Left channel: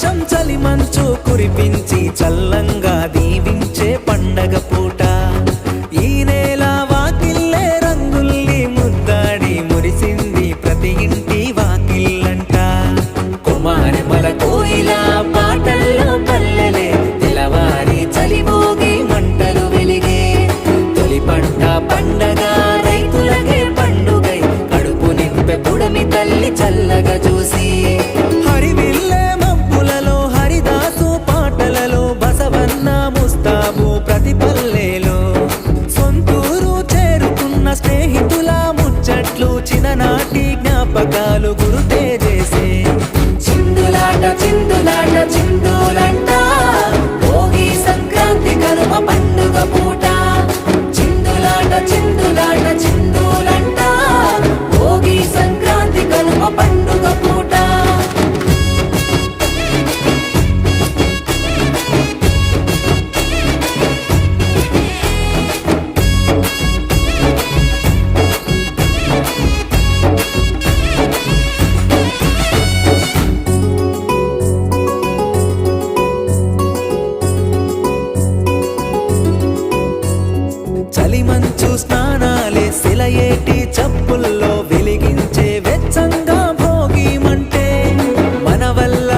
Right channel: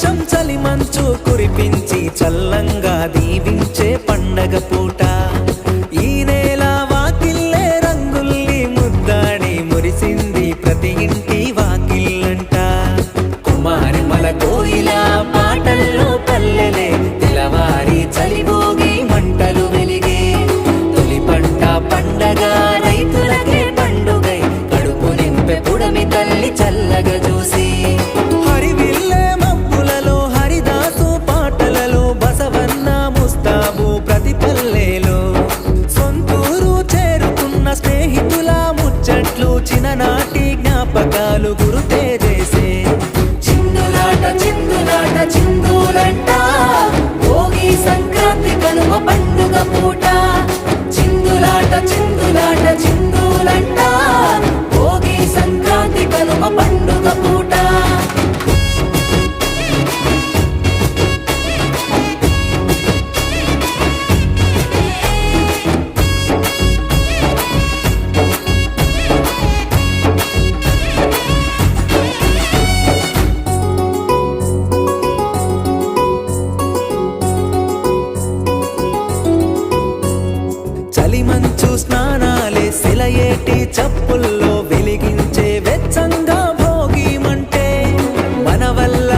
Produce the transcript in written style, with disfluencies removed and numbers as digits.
ఆకాశం చలి మంచు కురిపించి చల్లంగా దీవించే పండగ పూట ఈ నేల వాకిల్లే రంగుల్ని ముద్దాడి మురిసింది ప్రతి ఇంటి వాకిల్లంట కుమారిమల కోయిల పాటల్లో పల్లెలే తెలవారి చలిగోగి మంటలు వెలిగే తొలి పంట పండగ రైతులకే పండుగై కడుపు నింపె పుడమి తల్లి చల్లగా చూసి హరివిల్లే మబ్బులలో హరిదాసు పాటలలో బసవన్న ముస్తాబు ప్రతి పల్లెలో సొంతూరు చేరుకున్న స్నేహితుల ముచ్చట్లు చిన్ననాటి జ్ఞాపకాలు గురుతే చేసే చిందులాట చిందులాట చిందులంట భోగి సంక్రాంతి కనుమ పండుగ పూట చిందులాట చిందులాట చిందులంట భోగి సంక్రాంతి కనుమ పండుగ పూట చలిమంచు స్నానాలే సెలయేటి చప్పుల్లో వెలిగించే వెచ్చంగా భోగి మంటే మన వల్ల